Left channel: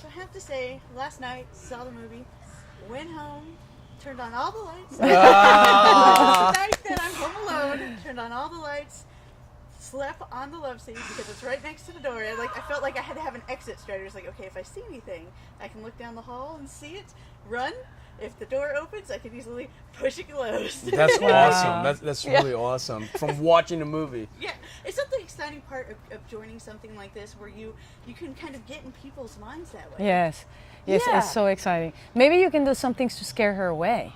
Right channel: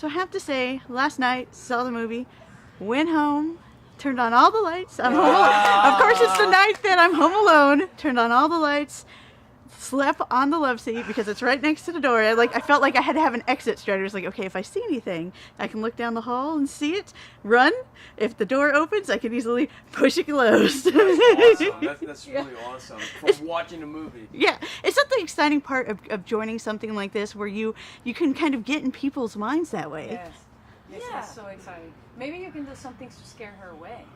So I have to say, last night, saw the movie, went home, turned on all the lights. Of course, it's the night that I'm home alone. Turned on all the lights, slept on the love seat because it's right next to the door. I felt like I had to have an exit strategy. It's like, okay, if I see anything, I can look down the hall and see it, run. If the door opens, I can easily push it closed. That's awesome. That's really awesome. From watching the movie. Yeah, it's not the exciting part of joining something like this where you can kind of get in people's minds that way. Yes, yes, Yeah. it's so exciting. Maybe you can do some things to scare her away.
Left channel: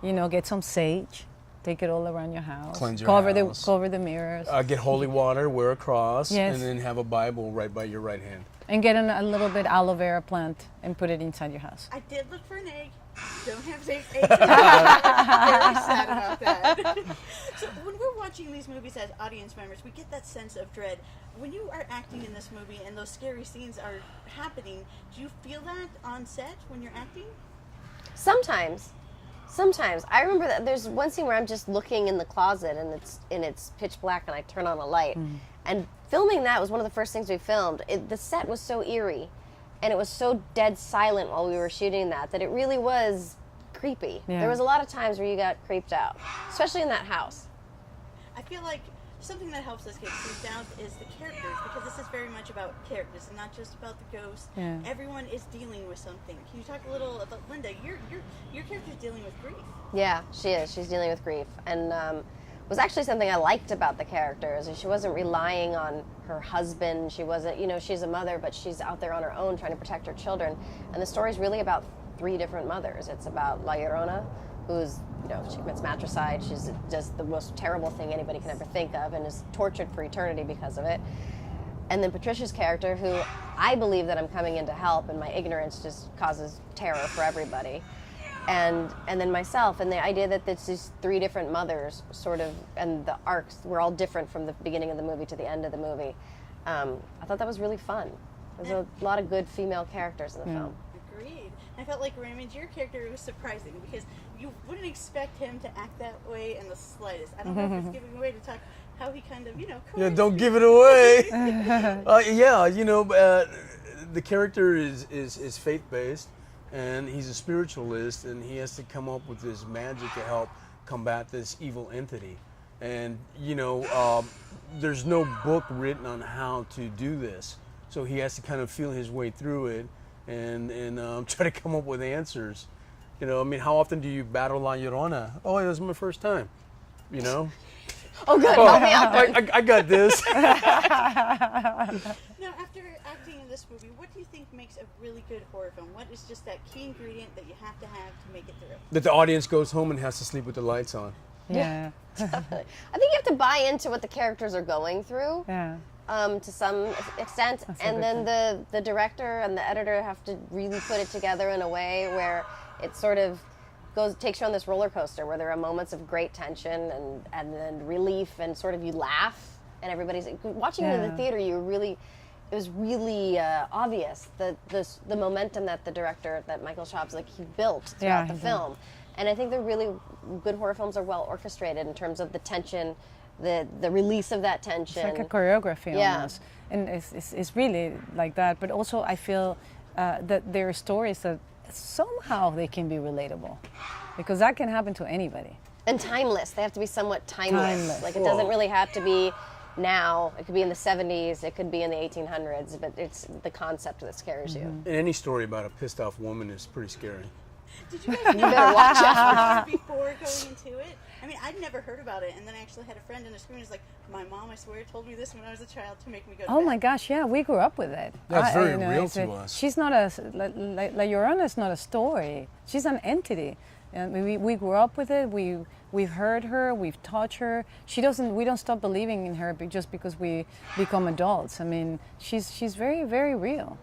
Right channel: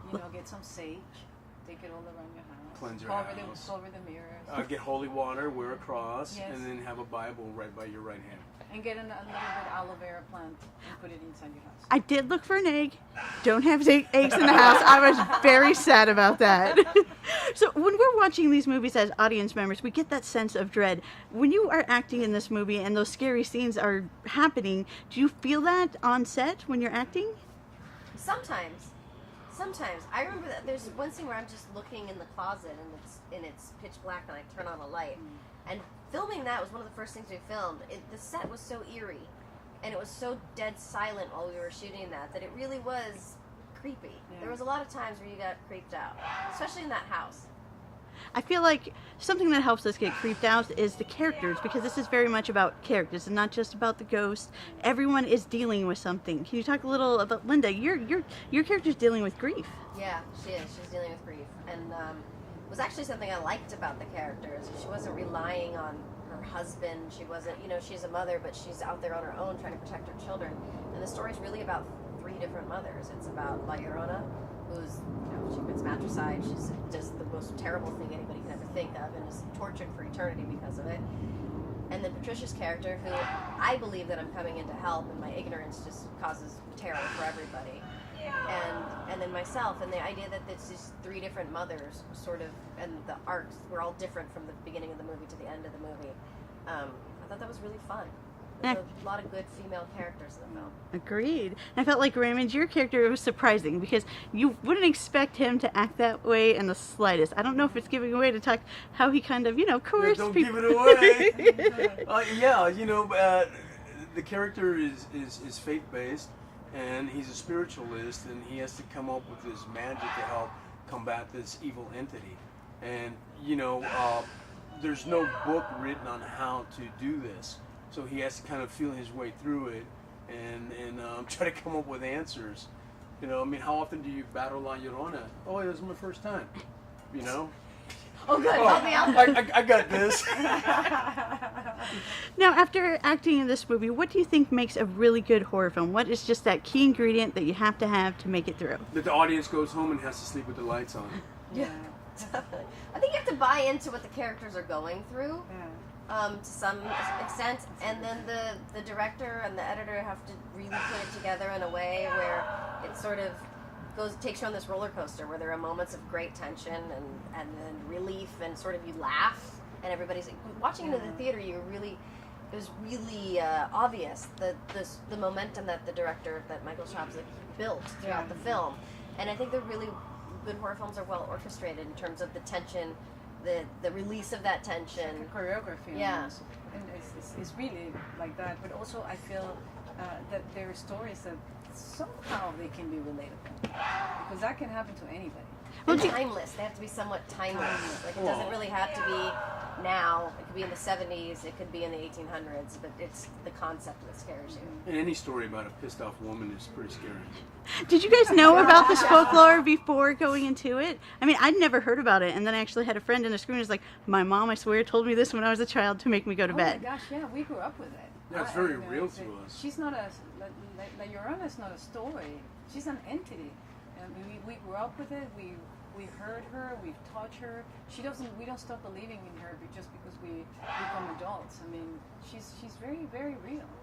You know, get some sage, take it all around your house, Cleanse your house. cover the mirrors, Get holy water, wear a cross, Yes. and then have a Bible right by your right hand. and get a little bit aloe vera plant and put it inside your house. I did look for an egg. Don't have eggs in the house. I was very sad about that. So when we're watching these movies as audience members, we get that sense of dread. When you are acting in this movie and those scary scenes are happening, do you feel that on set when you're acting? Sometimes. I remember that there's one scene where I'm just looking in the closet and it's pitch black and I turn on a light. And filming that was one of the first things we filmed. The set was so eerie and it was so dead silent while we were shooting that it really was creepy. Yeah. There was a lot of times where you got creeped out, especially in that house. I feel like something that helps us get creeped out is the characters, because this is very much about characters and not just about the ghosts. Yeah. Everyone is dealing with something. Can you talk a little about Linda? Your character's dealing with grief. Yeah, she is. She's dealing with grief. And it was actually something I liked about the characters. She wasn't relying on her husband. She wasn't, she's a mother, but she's out there on her own trying to protect her children. And the story's really about 3 different mothers. It's about La Llorona, who's, she commits matricide. She's just the most terrible thing anybody can ever think of and is tortured for eternity because of it. And then Patricia's character, who I believe that I'm coming in to help, and my ignorance just causes terror for everybody. And then myself, and the idea that it's these 3 different mothers, sort of, and the arcs were all different from the beginning of the movie to the end of the movie. I thought that was really fun. There's a lot of good female characters in the film. Agreed. I felt like, Raymond, your character was surprising because you wouldn't expect him to act that way in the slightest. I don't know if it's giving away to talk how he kind of, coerced Don't people. give it away. The character is faith-based, and he's a spiritualist, and he has to come up with this magic to help combat this evil entity. And, there's no book written on how to do this. So he has to kind of feel his way through it and try to come up with answers. How often do you battle La Llorona? Oh, it was my first time. Oh, good. Help me out. I got this. Now, after acting in this movie, what do you think makes a really good horror film? What is just that key ingredient that you have to make it through? That the audience goes home and has to sleep with the lights on. Yeah. I think you have to buy into what the characters are going through. Yeah. To some extent, and then the director and the editor have to really put it together in a way where it sort of takes you on this roller coaster where there are moments of great tension and then relief and sort of you laugh and everybody's watching it in the theater. It was really obvious that the momentum that the director, that Michael Schaub's he built throughout the film, and I think the really good horror films are well orchestrated in terms of the tension. The release of that tension. It's like a choreography almost. And it's really like that. But also I feel that there are stories that somehow they can be relatable. Because that can happen to anybody. And timeless. They have to be somewhat timeless. Like it doesn't really have to be now. It could be in the 70s. It could be in the 1800s. But it's the concept that scares you. And any story about a pissed off woman is pretty scary. Did you guys know about this folklore before going into it? I mean, I'd never heard about it, and then I actually had a friend in the screen who's like, my mom, I swear, told me this when I was a child to make me go to bed. Oh my gosh, yeah, we grew up with it. That's very real to us. She's not La Llorona is not a story. She's an entity. And we grew up with it. We've heard her. We've taught her. We don't stop believing in her just because we become adults. I mean, she's very, very real.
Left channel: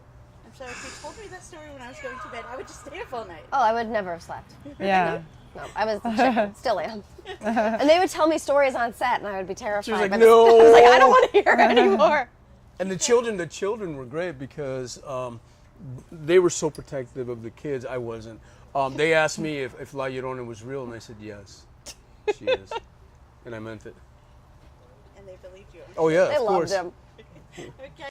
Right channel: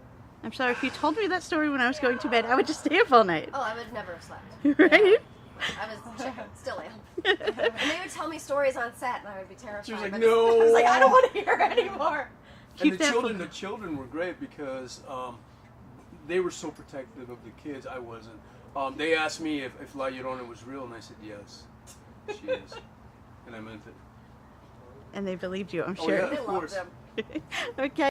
I'm sorry, if you told me that story when I was going to bed, I would just stay up all night. Oh, I would never have slept. Right? Yeah. No, I was still am. And they would tell me stories on set, and I would be terrified. She was like, but no. I was like, I don't want to hear it anymore. And Keep the children were great because they were so protective of the kids. I wasn't. They asked me if La Llorona was real, and I said yes, she is, and I meant it. And they believed you, I'm Oh sure. yeah, They of loved course. them. Okay.